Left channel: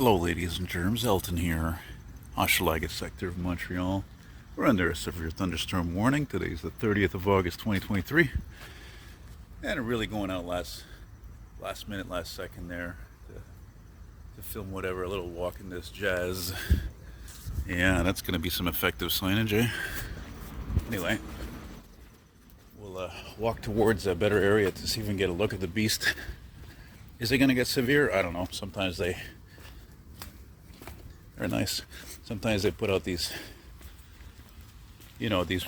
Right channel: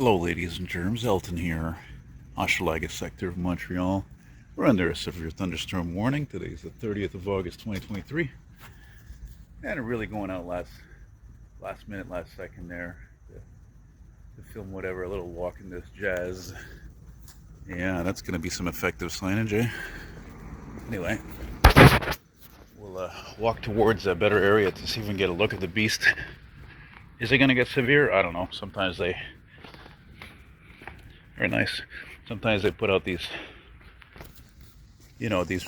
Hello, ladies and germs. Elton here, Hochelaga sector of Montreal. We're under a severe thunderstorm warning. Today's the 30th of August, 2023, and I'm really going out last minute, last second there to film whatever, a little walk in this jazz. Yeah, that's going to be some effective signage, eh? Anyway, we'll walk towards a better area to see if we can get a look at the beast. Is it going to get severe? I don't know. Sometimes they... Very nice. Sometimes they put out these, these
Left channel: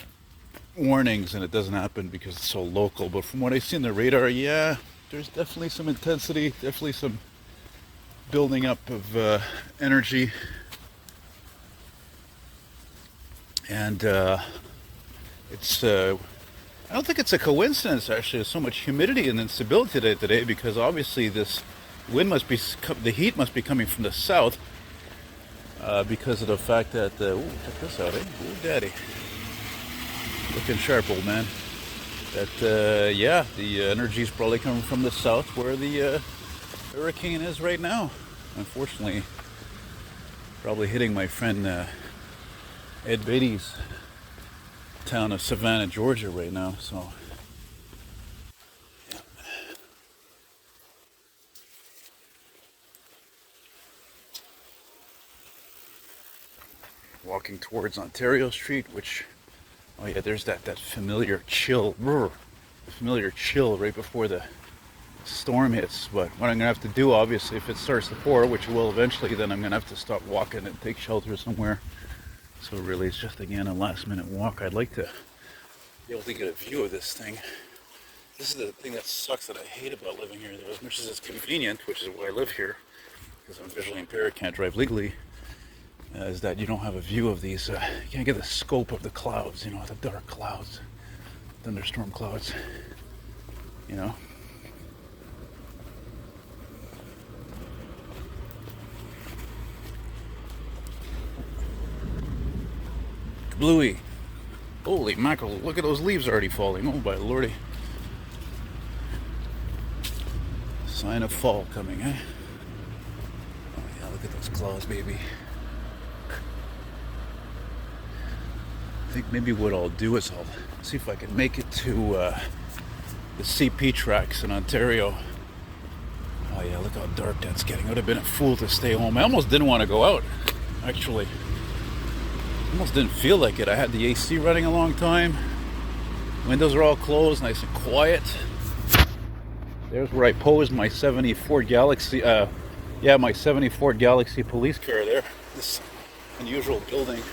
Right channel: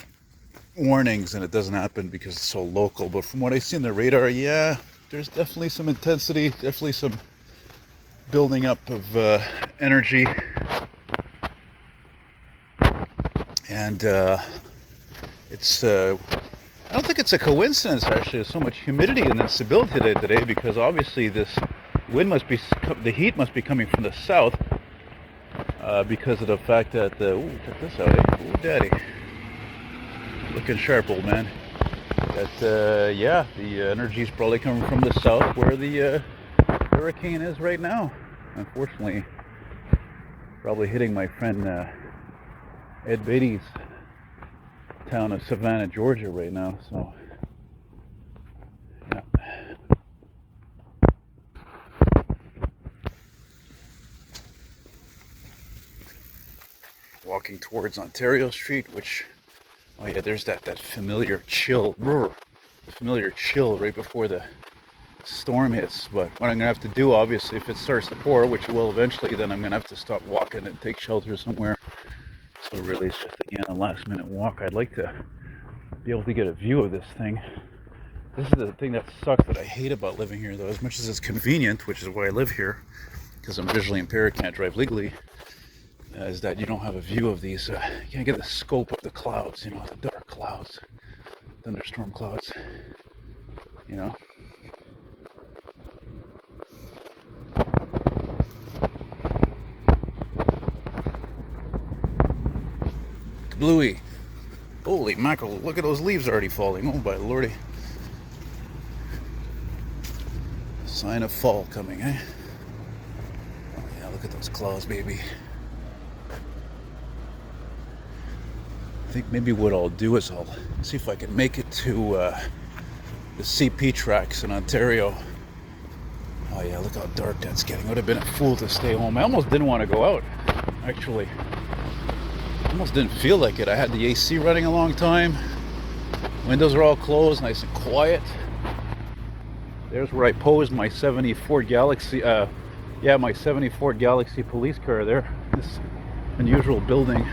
warnings and it doesn't happen because it's so local. But from what I see on the radar, yeah, there's definitely some intensity, definitely some building up of energy. And it's, I don't think it's a coincidence actually, there's so much humidity and instability today because obviously this wind the heat must be coming from the south. Because of the fact that, ooh, check this out, eh? Ooh, daddy. Looking sharp, old man. That, yeah, the energy's probably coming from the south where the hurricane is right now. Unfortunately, probably hitting my friend Ed Beatty's town of Savannah, Georgia right now, so... Walking towards Ontario Street, which, oh yeah, there's that familiar chill, familiar chill right before the storm hits. But what I'm gonna have to do, obviously, if it starts to pour, which it will eventually, then I'm gonna have to stop walking and take shelter somewhere. So really, it's just again a last-minute walk. I'd like to be able to get a view of this thing. This is the thing that sucks that I hate about living here, though. As much as it's convenient, which is why I live here, because I'm visually impaired, can't drive legally. Is that you don't have a view of these, you can't get the scope of the clouds, the dark clouds, thunderstorm clouds, Bluey, holy mackerel, look at those leaves already falling, oh my lordy. Sign of fall coming, eh? Oh yeah, look at those clouds, baby. I think maybe what I'll do is I'll see if I can make it to the CP tracks in Ontario. Oh yeah, look how dark that's getting. I would have been a fool to stay home. I almost didn't want to go out, actually. Almost didn't feel like it. I had the AC running a long time. Windows are all closed, nice and quiet. There's where I posed my 70 Ford Galaxy, my 70 Ford Galaxy police car there. This unusual building.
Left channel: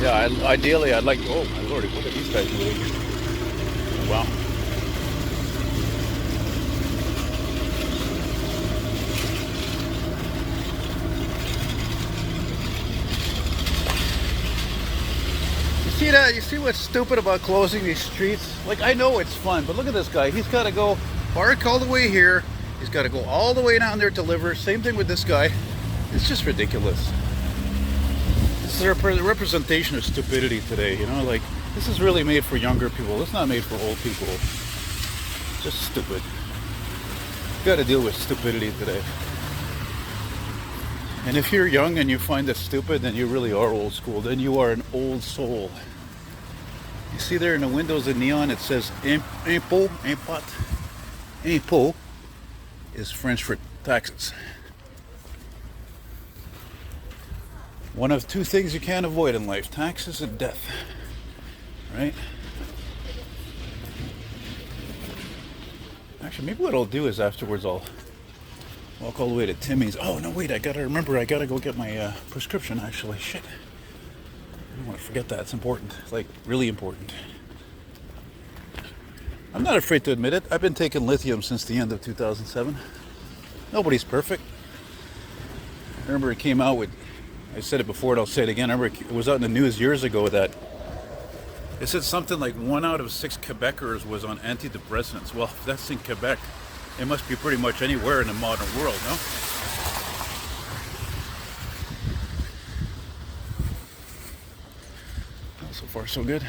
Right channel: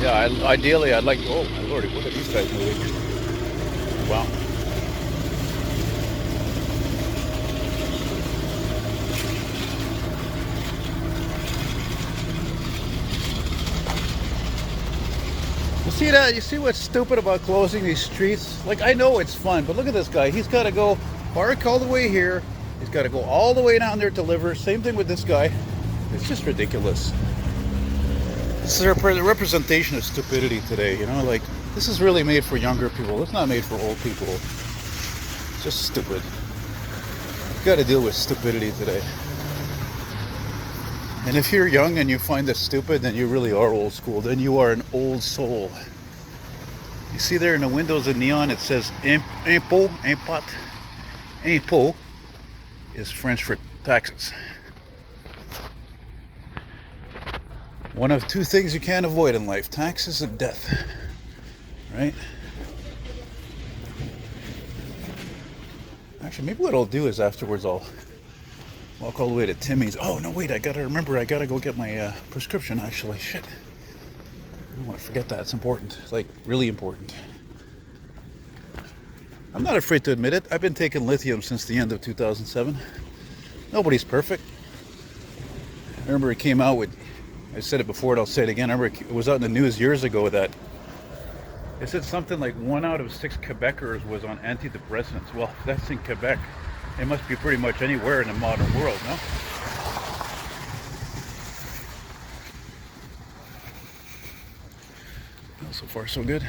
Yeah, ideally I'd like to, oh my lordy, what are these guys moving? Wow. You see that? You see what's stupid about closing these streets? Like, I know it's fun, but look at this guy. He's got to go park all the way here. He's got to go all the way down there to deliver. Same thing with this guy. It's just ridiculous. This is a representation of stupidity today, like, this is really made for younger people. It's not made for old people. It's just stupid. You've got to deal with stupidity today. And if you're young and you find it stupid, then you really are old school. Then you are an old soul. You see there in the windows in neon, it says impôt, impôt. Impôt is French for taxes. One of two things you can't avoid in life, taxes and death, right? Actually, maybe what I'll do is afterwards I'll walk all the way to Timmy's. Oh, no, wait, I gotta go get my prescription, actually. Shit. I don't want to forget that. It's important. It's like really important. I'm not afraid to admit it. I've been taking lithium since the end of 2007. Nobody's perfect. I remember it came out with, I said it before and I'll say it again. I remember it was out in the news years ago that it said something like 1 out of 6 Quebecers was on antidepressants. Well, if that's in Quebec, it must be pretty much anywhere in the modern world, no? So far, so good.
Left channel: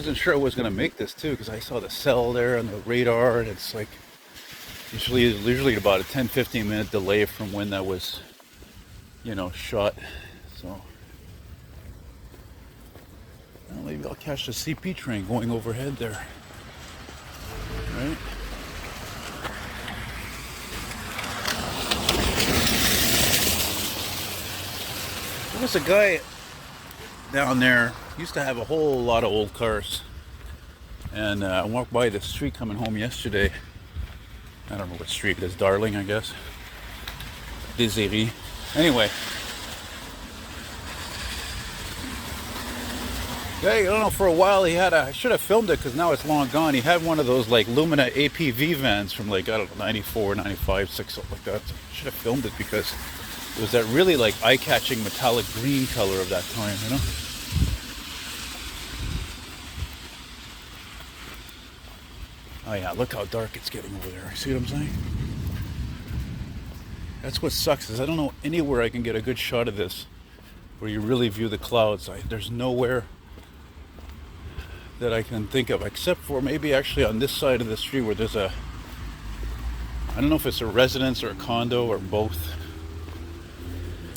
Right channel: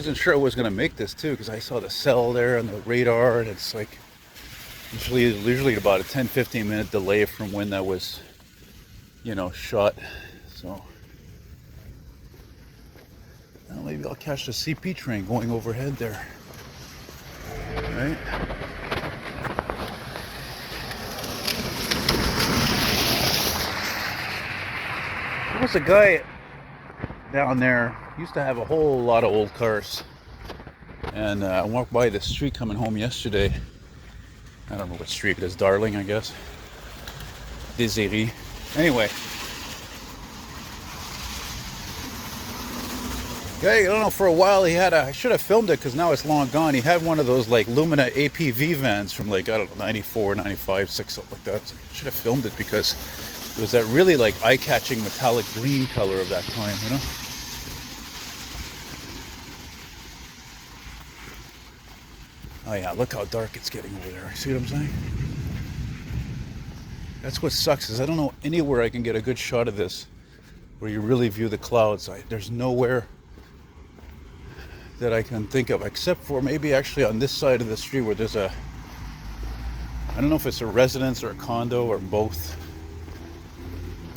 wasn't sure I was gonna make this too, because I saw the cell there on the radar, and it's like usually about a 10-15 minute delay from when that was, you know, shot. So well, maybe I'll catch the CP train going overhead there. Right? There was a guy down there, used to have a whole lot of old cars, and I walked by the street coming home yesterday. I don't know what street it is, Darling, I guess. Desiree. Anyway. Yeah, I don't know, for a while he had I should have filmed it because now it's long gone. He had one of those like Lumina APV vans from like, I don't know, 94, 95, 6, something like that. So I should have filmed it because it was that really like eye-catching metallic green color of that time, you know? Oh yeah, look how dark it's getting over there. See what I'm saying? That's what sucks, is I don't know anywhere I can get a good shot of this where you really view the clouds. There's nowhere that I can think of, except for maybe actually on this side of the street where there's I don't know if it's a residence or a condo or both.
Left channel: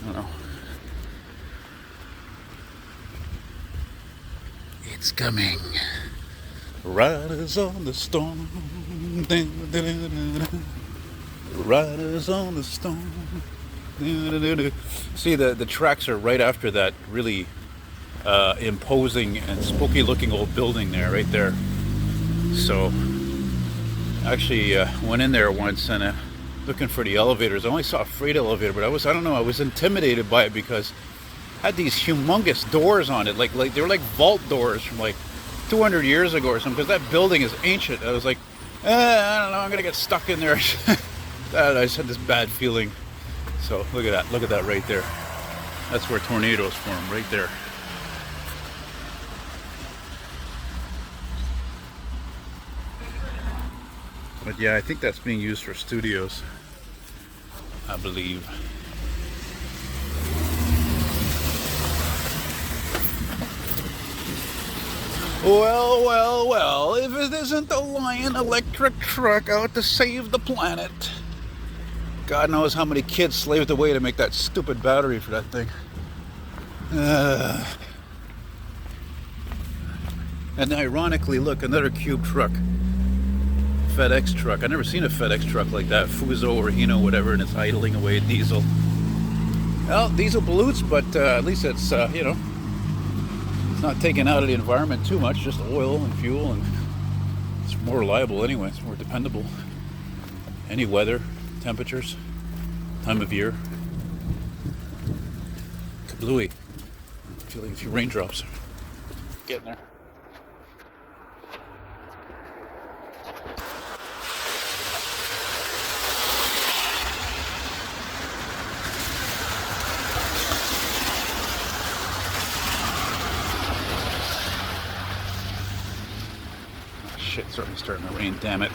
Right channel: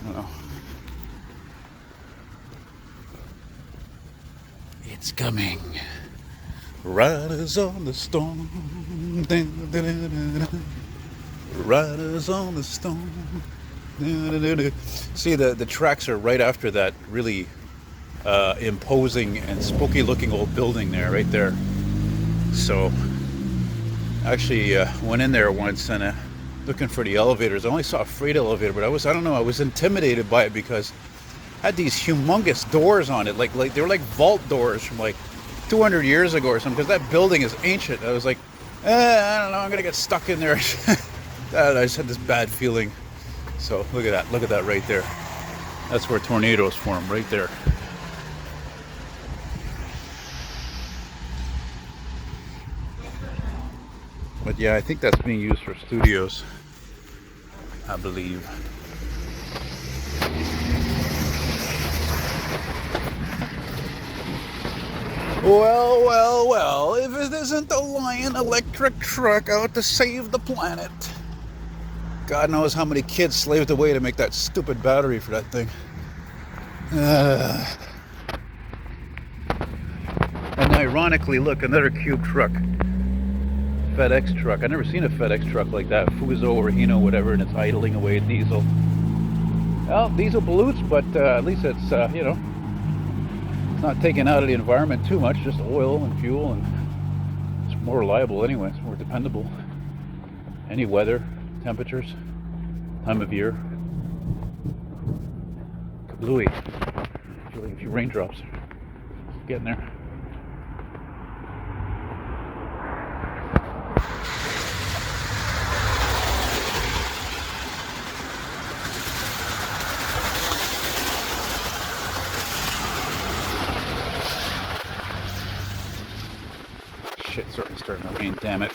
I don't know. It's coming. Riders on the storm. Riders on the storm. See, the tracks are right after that really imposing and spooky looking old building there, right there. So I actually went in there once and looking for the elevators. I only saw a freight elevator, but I was intimidated by it because it had these humongous doors on it, like they were like vault doors from like 200 years ago or something, because that building is ancient. I was like, I don't know, I'm gonna get stuck in there. I just had this bad feeling. So look at that right there. That's where tornadoes form, right there. But yeah, I think that's being used for studios, I believe. Well, if it isn't the Lion electric truck out to save the planet. God knows how many kids slaved away to make that stupid battery for that thing. And ironically, look, another cube truck. FedEx truck. I've never seen a FedEx truck like that. Fuso or Hino, whatever, and it's idling away diesel. Well, diesel pollutes, but at least it's, you know, it's not taking out of the environment too much, just oil and fuel, and it's more reliable anyway, it's more dependable. Any weather, temperatures, time of year. Kablooey. Feeling a few raindrops. Getting there. Shit, certainly starting to rain, damn it.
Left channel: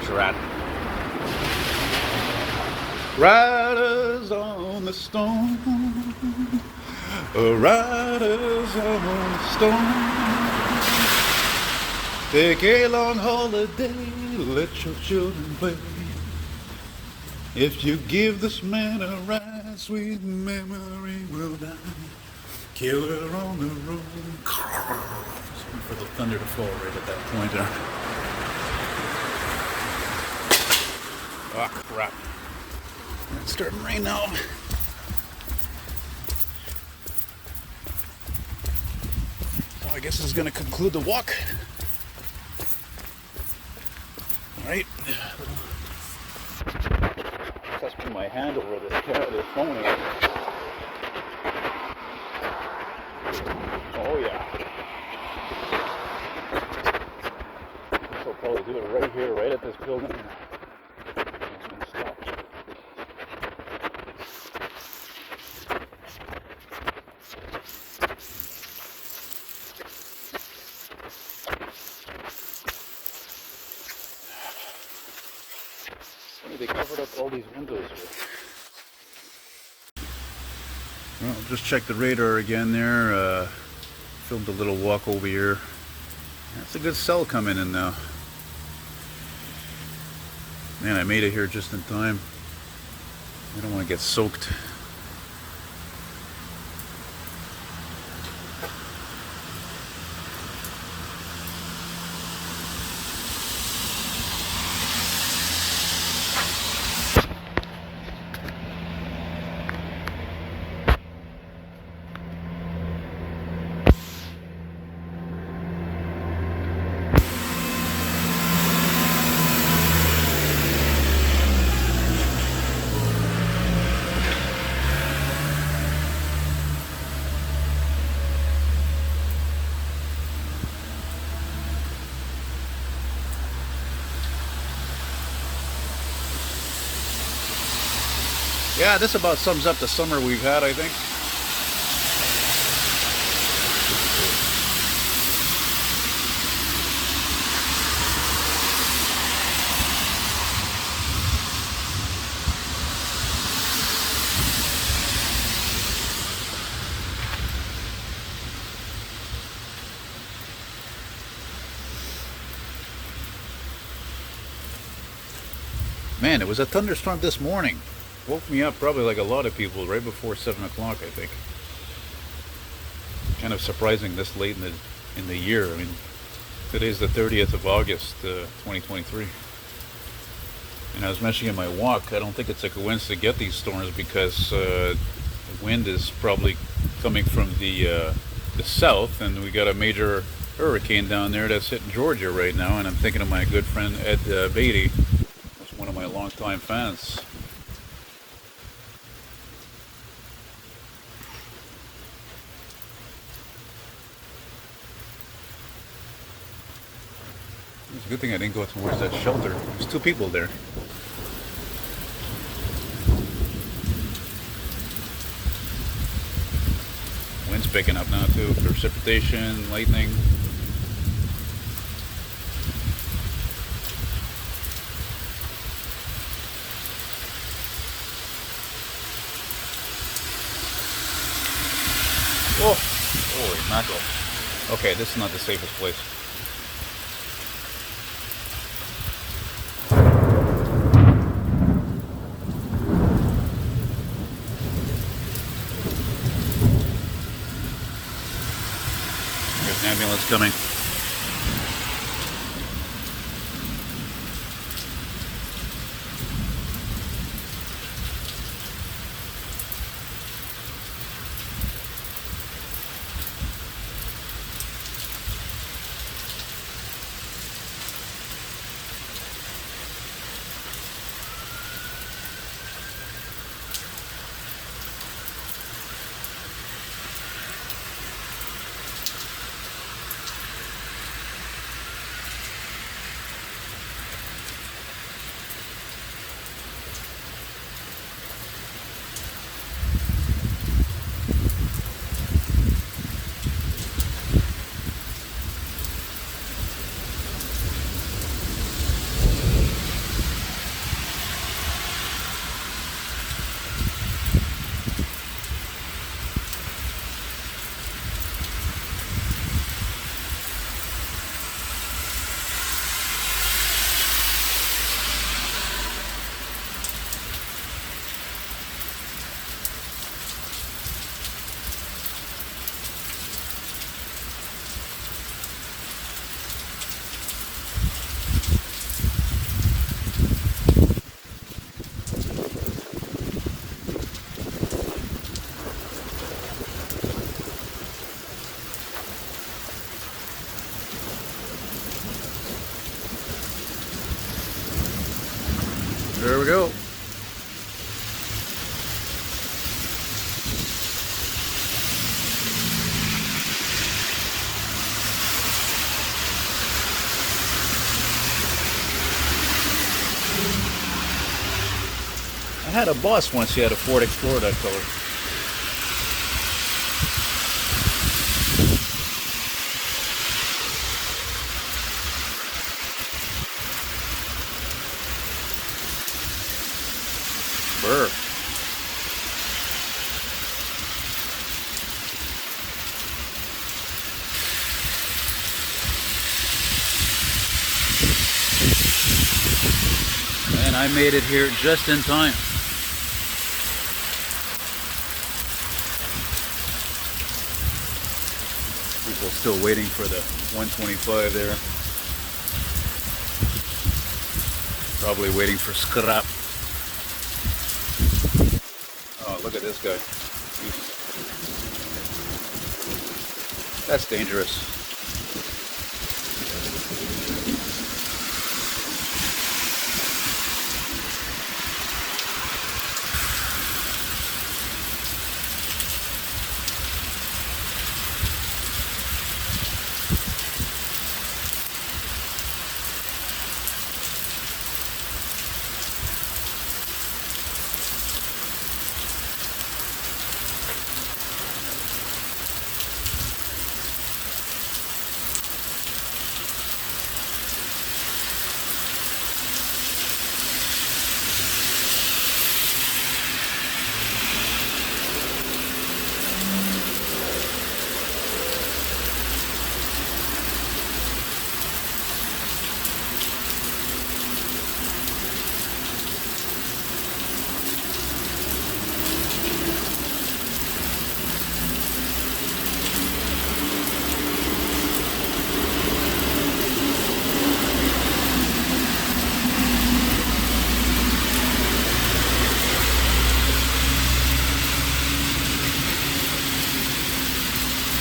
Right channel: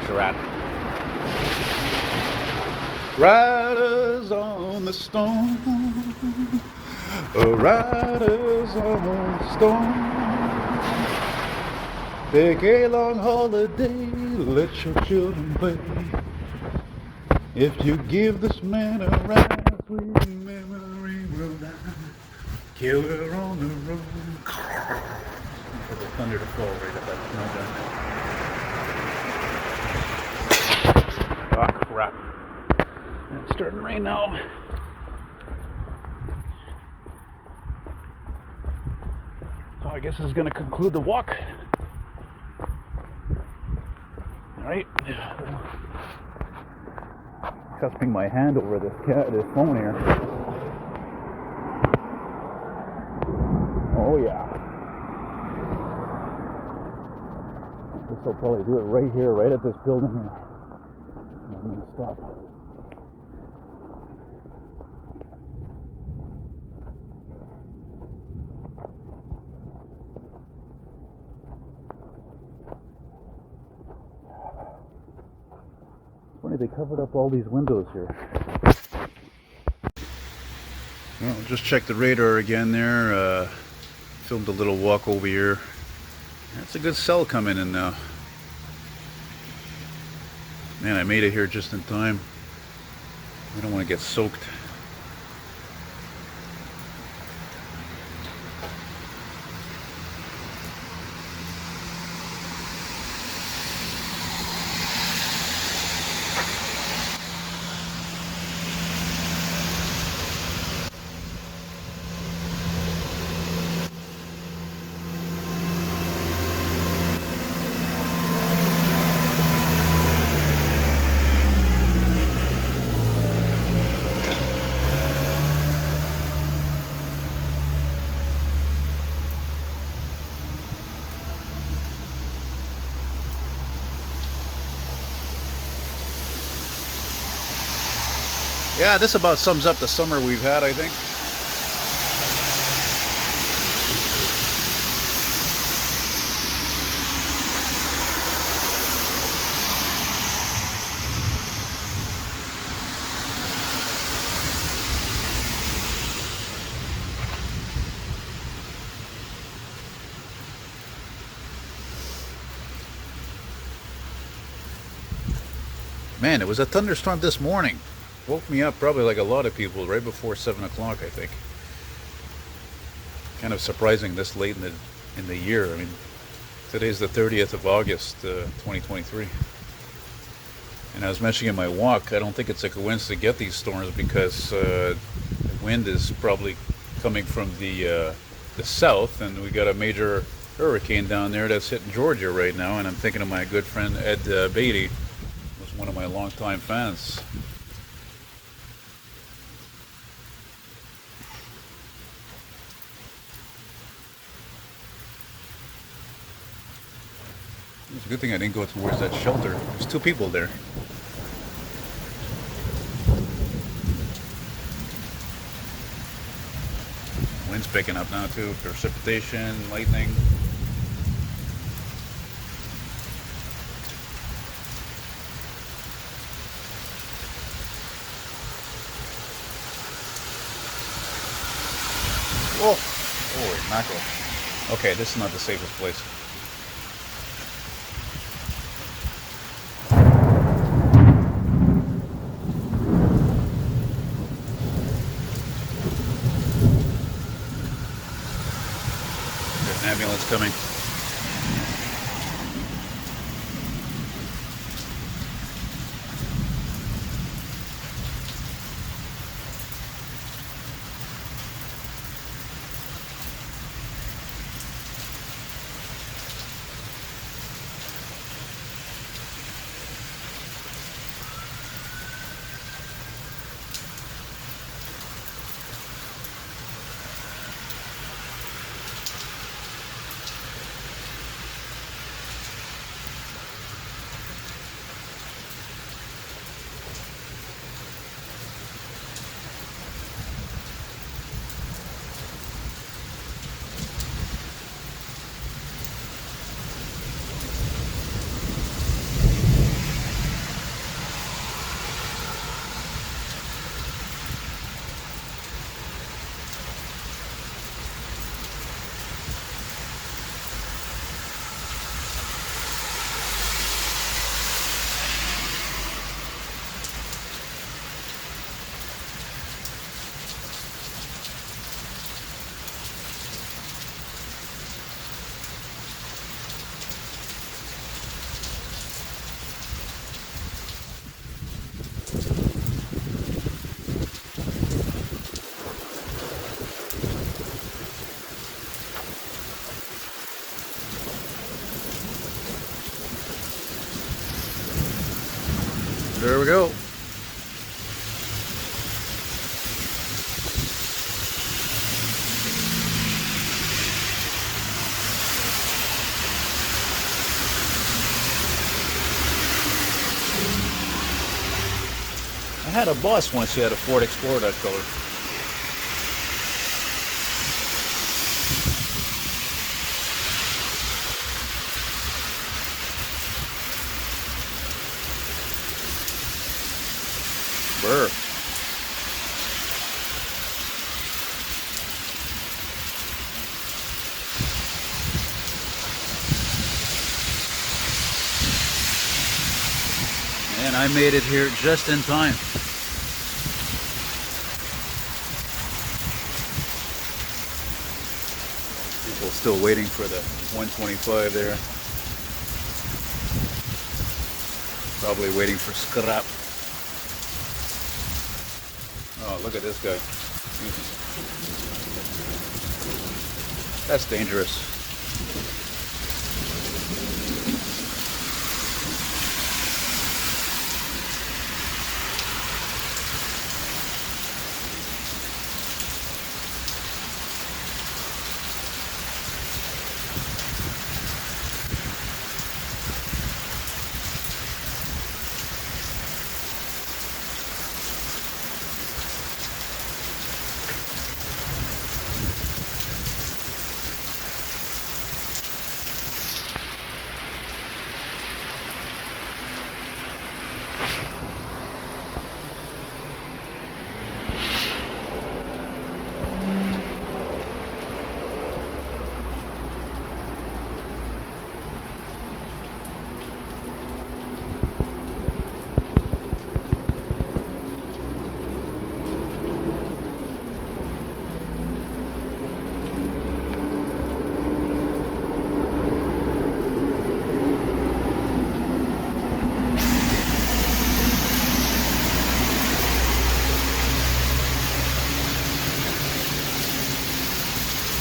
It's a rat. Riders on the storm. Riders on the storm. Take a long holiday, let your children play. If you give this man a ride, sweet memory will die. Kill her on the road. For the thunder to fall right at that point there. Oh crap. It's starting to rain now. So I guess this is going to conclude the walk. Alright. Cusping my hand over this phone here. Oh yeah. I'll probably do it right here, right at this building here. I'm going to stop. It's funny, they covered up all these windows here. Well, just check the radar again there. Filmed a little walk over here. That's a good cell coming in now. Man, I made it here just in time. I don't want to get soaked. Yeah, this about sums up the summer we've had, I think. Man, it was a thunderstorm this morning. Woke me up probably like a lot of people right before 7 o'clock, I think. Kind of surprising this late in the year. I mean, today's the 30th of August, 2023. And I was mentioning in my walk, I don't think it's a coincidence to get these storms because the wind is probably coming from the south, and we got a major hurricane down there that's hitting Georgia right now. And I'm thinking of my good friend Ed Beatty, was one of my longtime fans. It's a good thing I didn't go towards that shelter. There's two people there. Wind's picking up now too. Precipitation, lightning. Oh, holy mackerel. Okay, this is not the safest place. There's an ambulance coming. There we go. I had a boss once, he had a Ford Explorer that color. Burr. And I made it here just in time. People still waiting for the 125 there. Probably waiting for scrap. Oh, look at this guy. That's dangerous.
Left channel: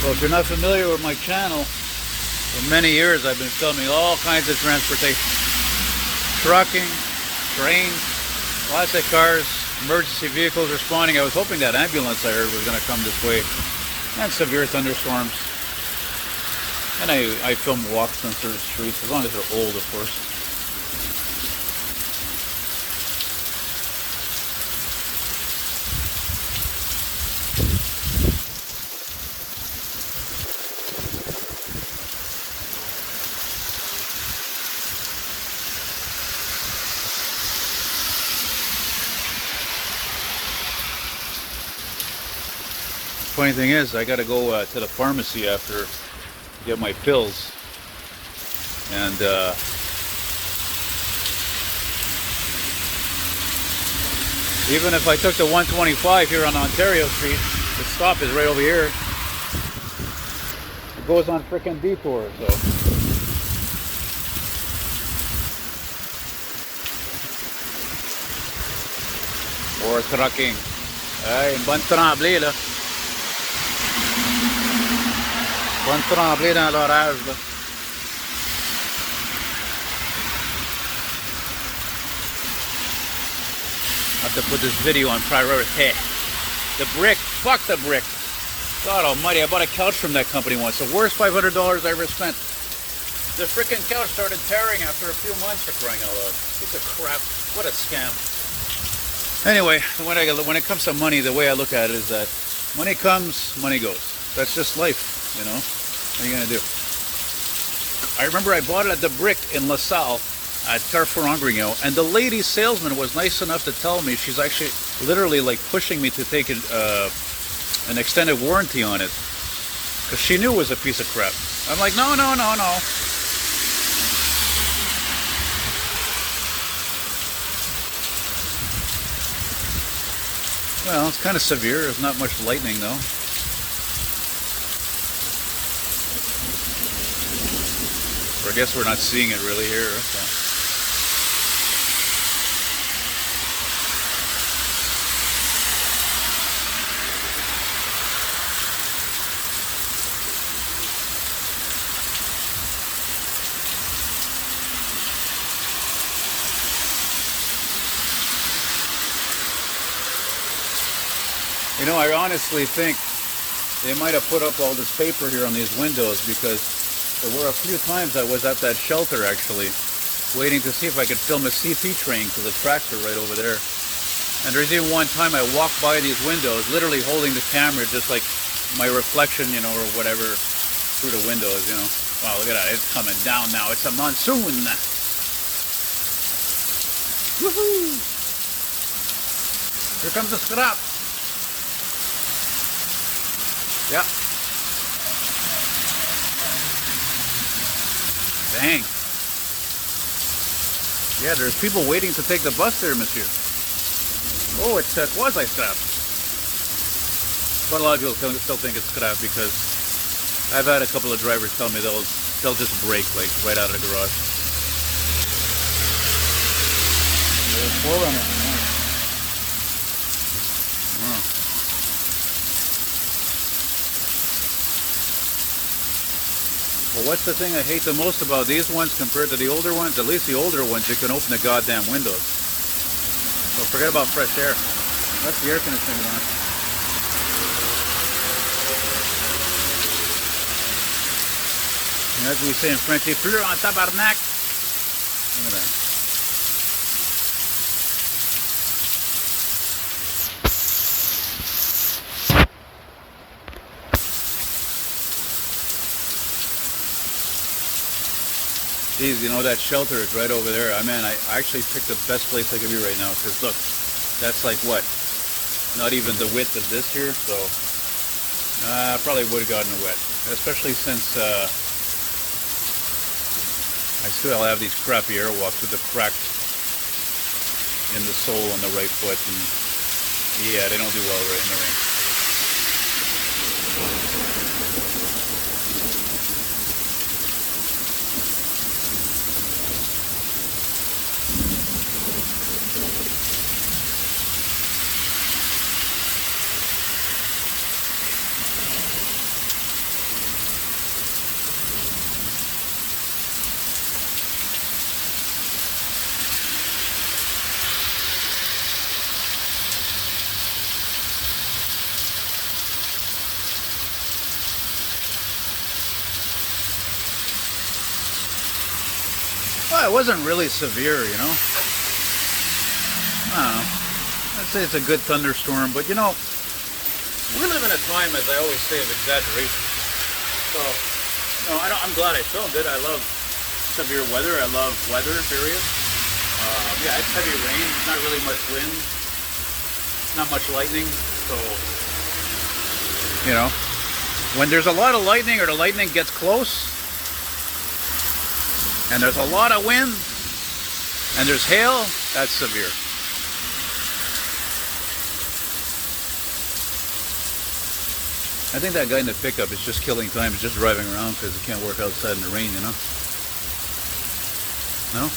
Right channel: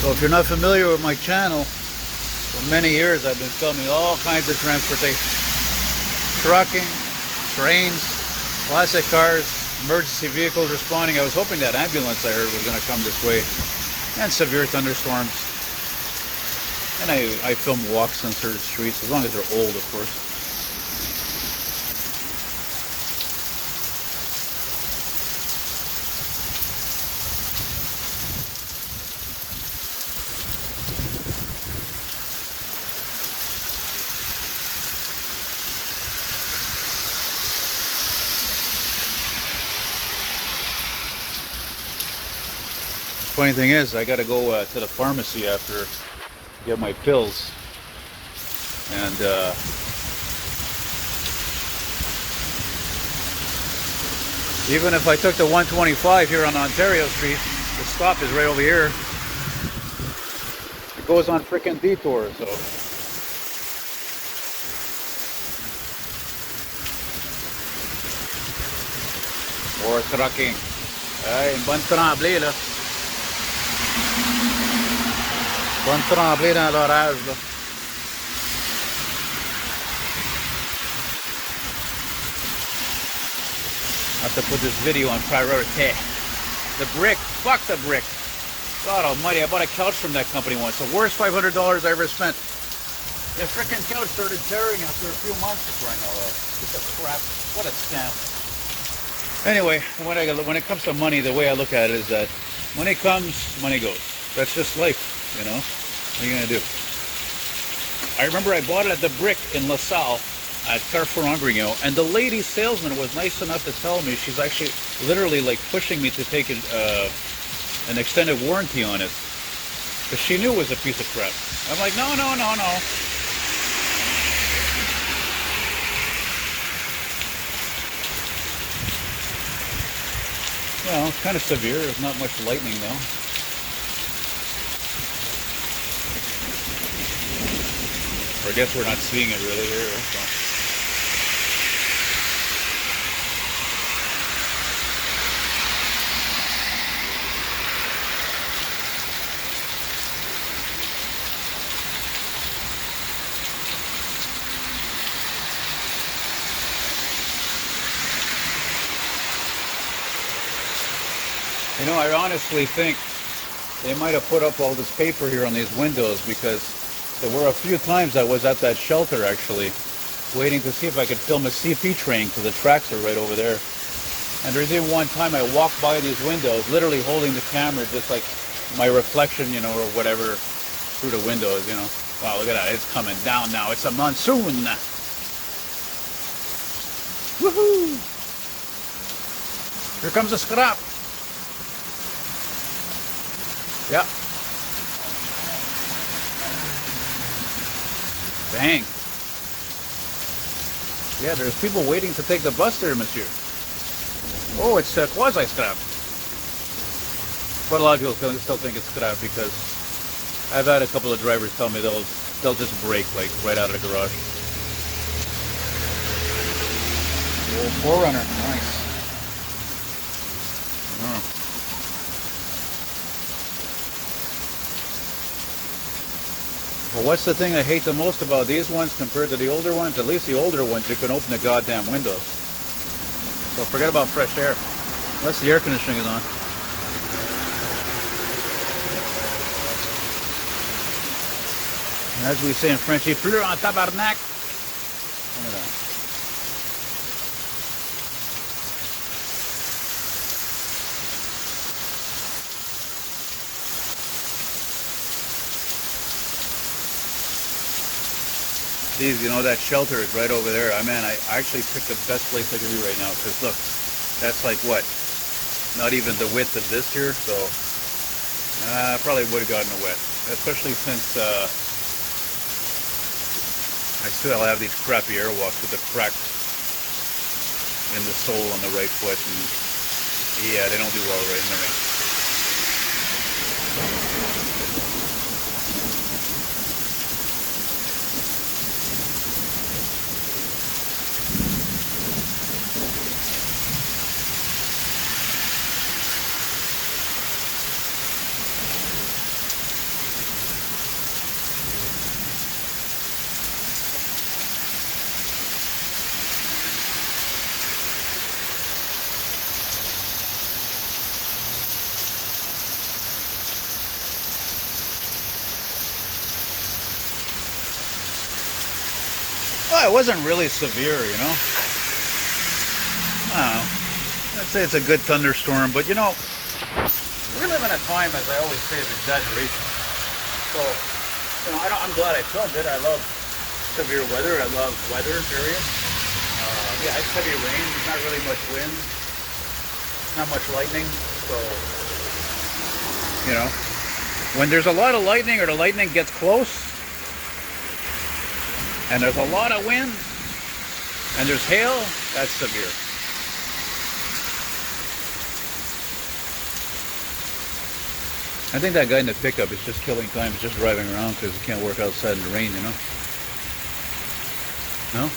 So if you're not familiar with my channel, for many years I've been filming all kinds of transportation. Trucking, trains, classic cars, emergency vehicles responding. I was hoping that ambulance I heard was going to come this way. And severe thunderstorms. And I film walks on certain streets, as long as they're old, of course. Funny thing is, I got to go to the pharmacy after to get my pills, and even if I took the 125 here on Ontario Street, the stop is right over here. It goes on frickin' detour, so. More trucking. Ay, bon tremblé là. Bon tremblé dans l'orage là. I have to put this video on priority. The brick, fuck the brick. God almighty, I bought a couch from that company once. The worst $500 I ever spent. The frickin' couch started tearing after a few months, for crying out loud. Piece of crap. What a scam. Anyway, when it comes to money, the way I look at it is that money comes, money goes. That's just life, you know. What are you gonna do? I remember I bought it at the Brick in LaSalle at Carrefour Angrignon, and the lady salesman was nice enough to tell me she's actually literally like pushing me to take an extended warranty on it because she knew it was a piece of crap. I'm like, no. Well, it's kind of severe. There's not much lightning though. Or I guess we're not seeing it really here. So. You know, I honestly think they might have put up all this paper here on these windows because there were a few times I was at that shelter actually, waiting to see if I could film a CP train because the tracks are right over there. And there's even one time I walked by these windows, literally holding the camera, just like my reflection, you know, or whatever, through the windows, you know. Wow, look at that, it's coming down now. It's a monsoon. Woohoo! Here comes the scrap. Yep. Dang. Yeah, there's people waiting to take the bus there, monsieur. Oh, it's quasi-scrap. But a lot of people still think it's scrap because I've had a couple of drivers tell me they'll just break like right out of the garage. Oh, 4Runner. Nice. Well, what's the thing I hate the most about these ones compared to the older ones? At least the older ones, you can open the goddamn windows. So forget about fresh air. Unless the air conditioning is on. As we say in French, il pleut en tabarnak. Look at that. Geez, you know, that shelter is right over there. I actually picked the best place I could be right now, because look, that's like what? Not even the width of this here, so probably would have gotten wet. Especially since I still have these crappy airwalks with the crack in the sole on the right foot, and yeah, they don't do well right in the rain. Well, it wasn't really severe, you know. I don't know. I'd say it's a good thunderstorm, but you know, we live in a time, as I always say, of exaggeration. So, you know, I'm glad I filmed it. I love severe weather. I love weather, period. Yeah, it's heavy rain. Not really much wind. Not much lightning. So, you know, when there's a lot of lightning or the lightning gets close, and there's a lot of wind, and there's hail, that's severe. I think that guy in the pickup is just killing time, just driving around because he can't work outside in the rain, you know? No?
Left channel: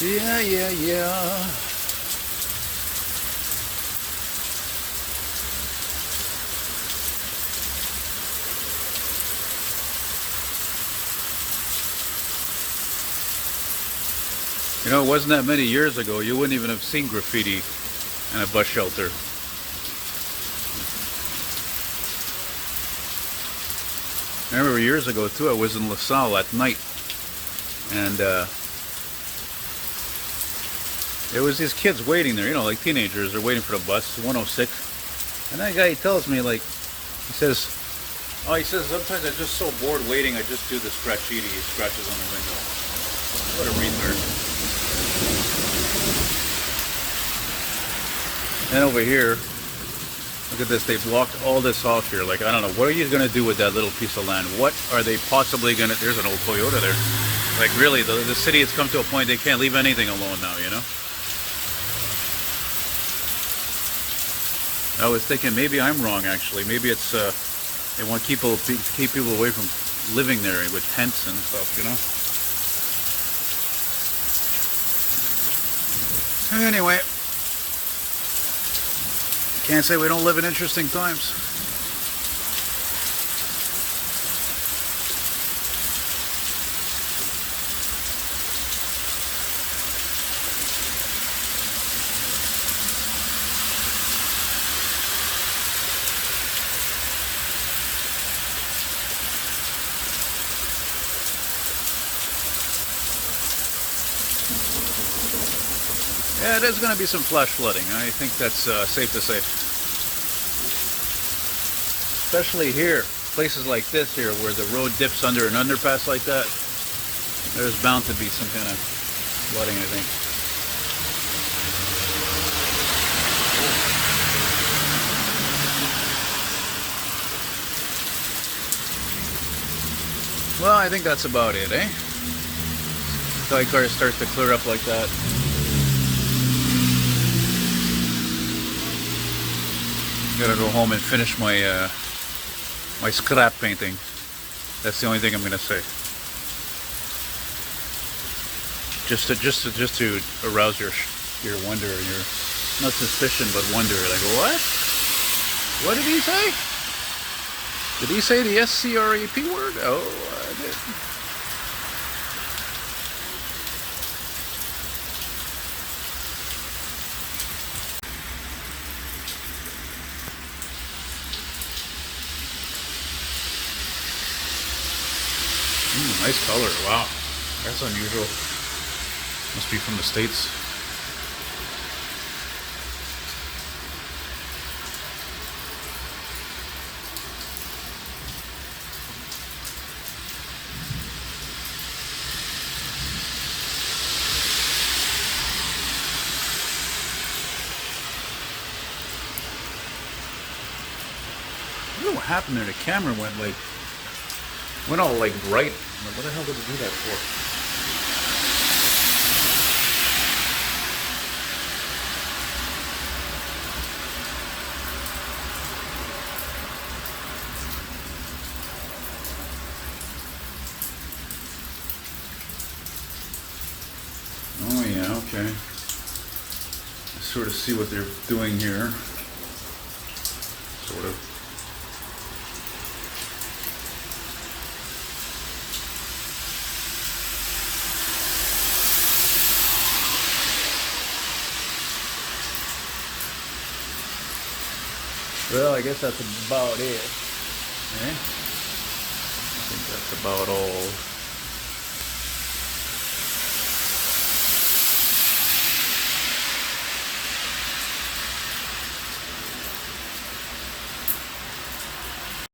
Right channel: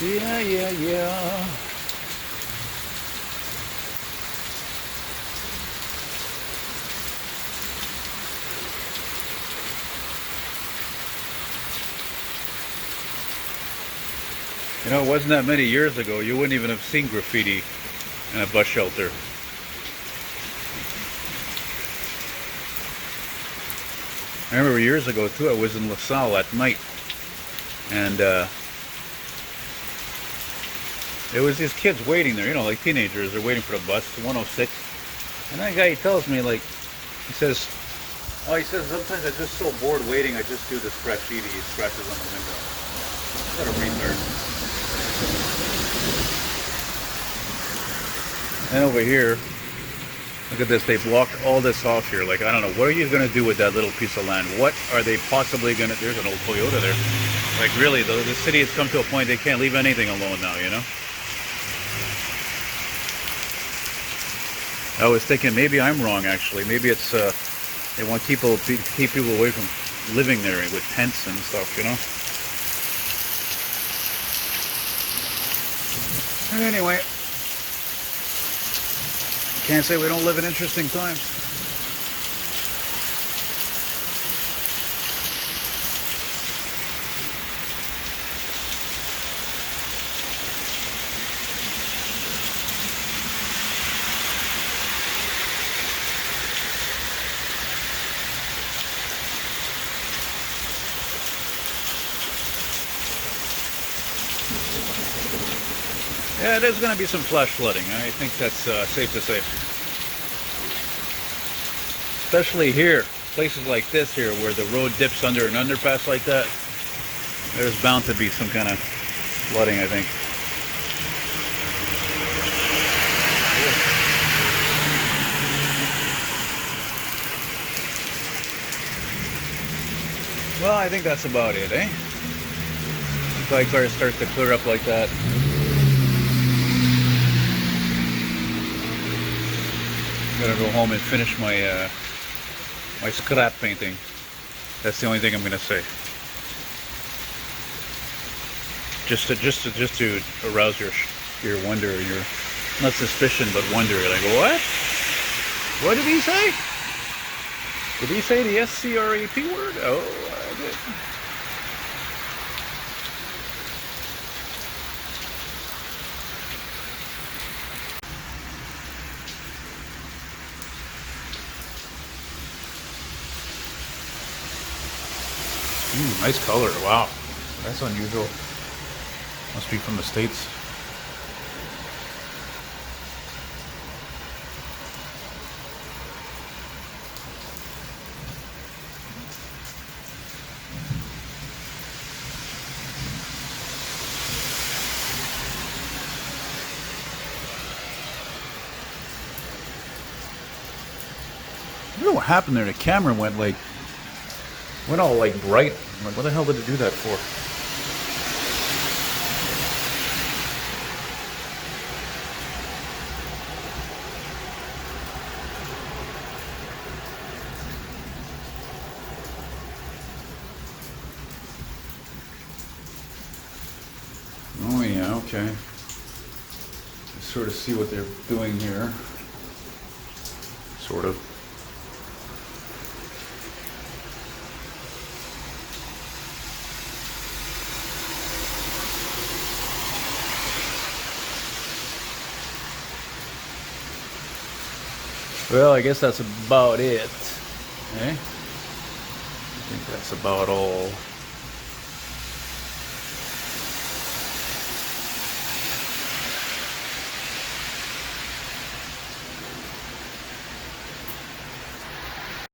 Yeah. You know, it wasn't that many years ago, you wouldn't even have seen graffiti in a bus shelter. I remember years ago too, I was in LaSalle at night, and there was these kids waiting there, you know, like teenagers, they're waiting for the bus, 106, and that guy, he tells me, like, he says, sometimes I'm just so bored waiting, I just do this graffiti, he scratches on the window. What a retard. And over here, look at this, they blocked all this off here. Like, I don't know, what are you going to do with that little piece of land? What are they possibly going to, there's an old Toyota there. Like, really, the city has come to a point they can't leave anything alone now, you know? I was thinking maybe I'm wrong, actually. Maybe it's, they want to keep people away from living there with tents and stuff, you know? Anyway, can't say we don't live in interesting times. Yeah, there's going to be some flash flooding. I think that's safe to say. Especially here, places like this here, where the road dips under an underpass like that. There's bound to be some kind of flooding, I think. Well, I think that's about it, eh? Until I start to clear up like that. Gotta go home and finish my my scrap painting. That's the only thing I'm gonna say. Just to arouse your wonder, your not suspicion but wonder. Like, what? What did he say? Did he say the SCRAP word? Oh, I did. Nice color. Wow, that's unusual. Must be from the States. I don't know what happened there. The camera went all like bright. I'm like, what the hell did it do that for? Oh yeah, okay. I sort of see what they're doing here. Sort of. Well, I guess that's about it. Okay? I think that's about all.